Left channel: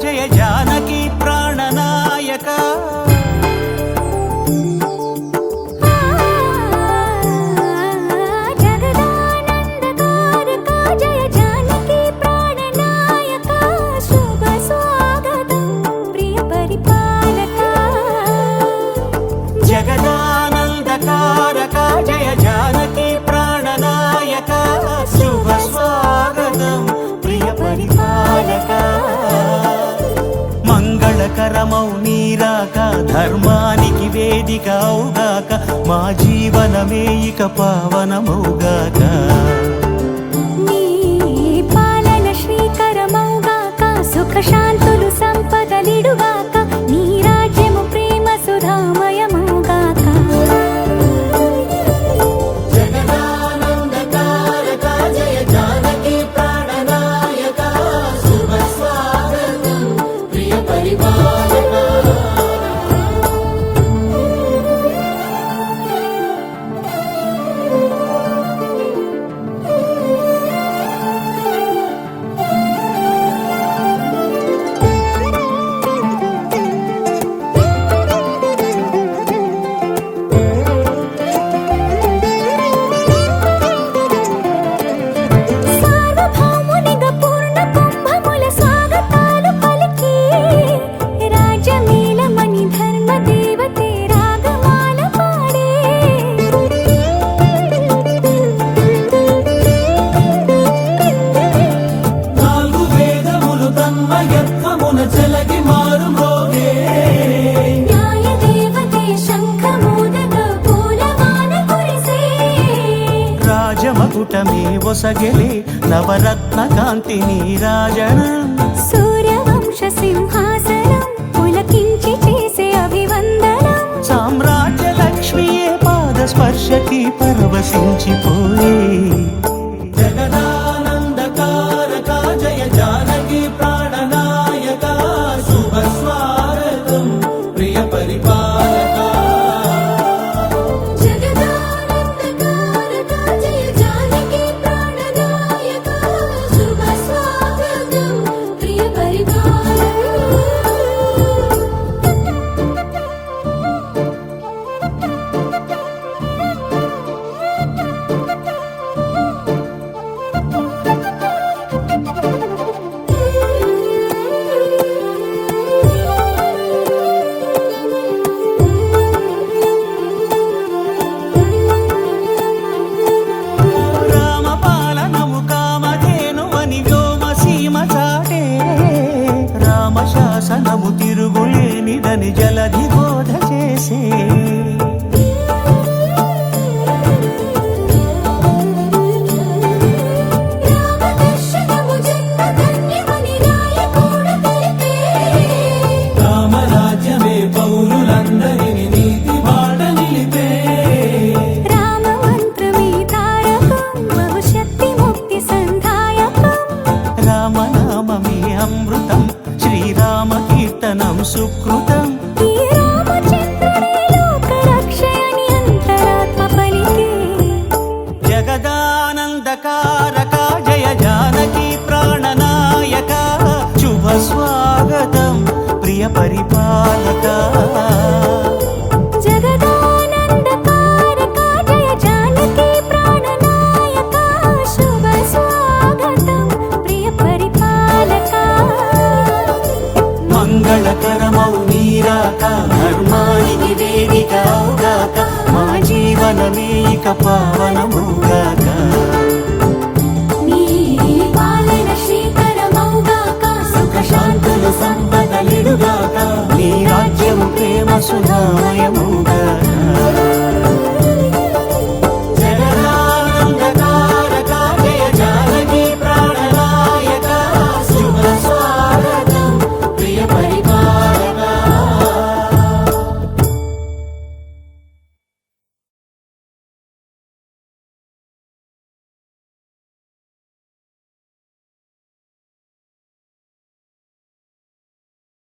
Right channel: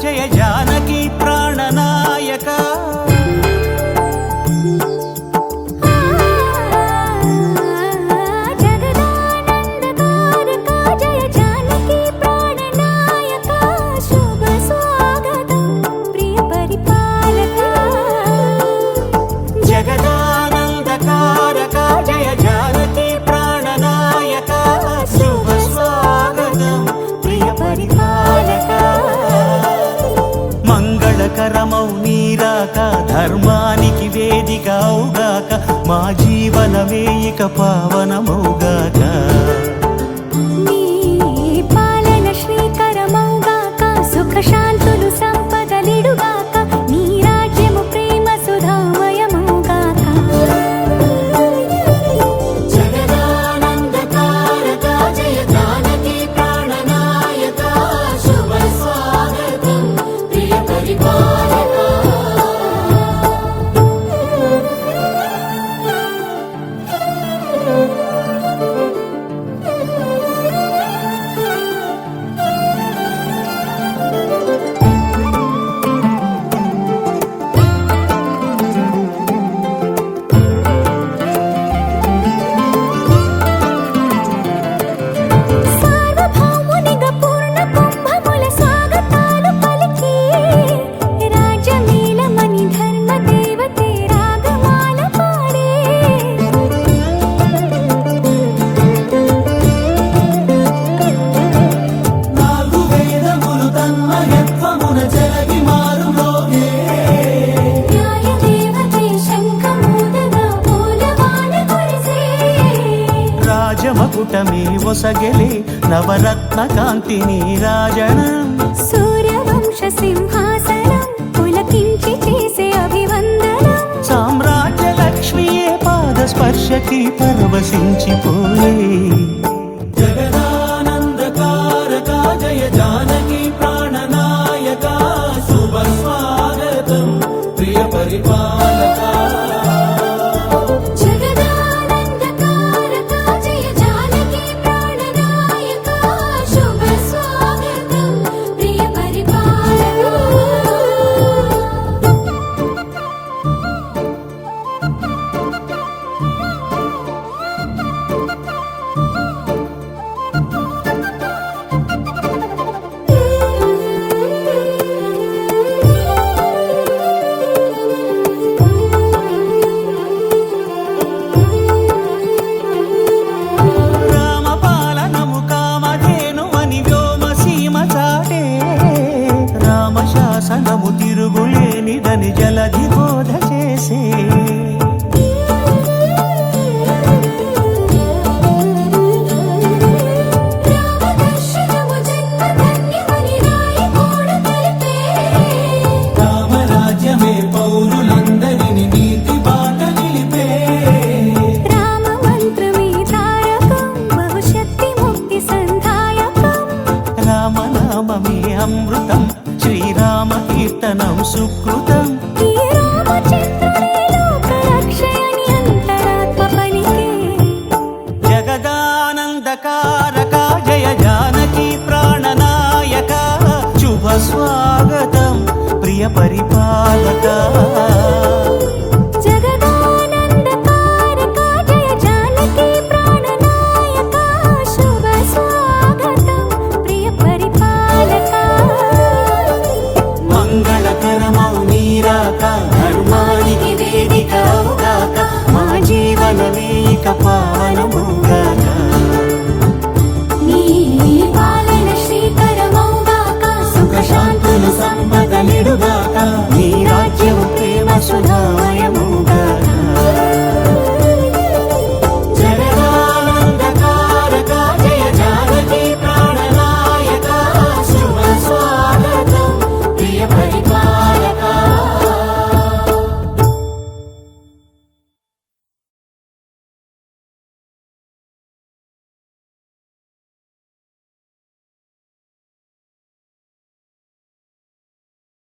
జయ జానకి ప్రాణనాయక జగదానందకారక జయ జానకి ప్రాణనాయక శుభ స్వాగతం ప్రియ పరిపాలక జగదానందకారక జయ జానకి ప్రాణనాయక శుభ స్వాగతం ప్రియ పరిపాలక మంగళకరమౌ నీరాక ధర్మానికి వేదిక అవుగాక మా జీవనమే ఇక పావనమౌగాక నీ పాలన శ్రీకరమౌగాక సుఖ శాంతులు సంపదలిడుగాక నీ రాజ్యము ప్రేమ సుధామయమౌగాక రాజమకుటమే ఒసగెలే నవరత్న కాంతి నీరాజనం సూర్యవంశ సింహాసనం పులకించి చేసే అభివందనం సామ్రాజ్య లక్ష్మియే పాద స్పర్శకి పరవశించిపోయే జగదానందకారక జయ జానకి ప్రాణనాయక శుభ స్వాగతం ప్రియ పరిపాలక చాటే రామశాసనము తిరుగులేనిదని జలధి బోధ చేసే రామరాజ్యమే పౌరులందరిని నీతి బాట నిలిపే రామ మంత్రమే తారకం బహుశక్తి ముక్తి సంధాయకం రామనామమే అమృతం శ్రీరామ కీర్తనం సుకృతం ఈ రామచంద్రుడే లోక రక్షయని అంతరాత్మ పలికే జగదానందకారక జయ జానకి ప్రాణనాయక శుభ స్వాగతం ప్రియ పరిపాలక జగదానందకారక జయ జానకి ప్రాణనాయక శుభ స్వాగతం ప్రియ పరిపాలక మంగళకరమౌ నీరాక ధర్మానికి వేదిక అవుగాక మా జీవనమే ఇక పావనమౌగాక నీ పాలన శ్రీకరమౌగాక సుఖ శాంతులు సంపదలిడుగాక నీ రాజ్యము ప్రేమ సుధామయం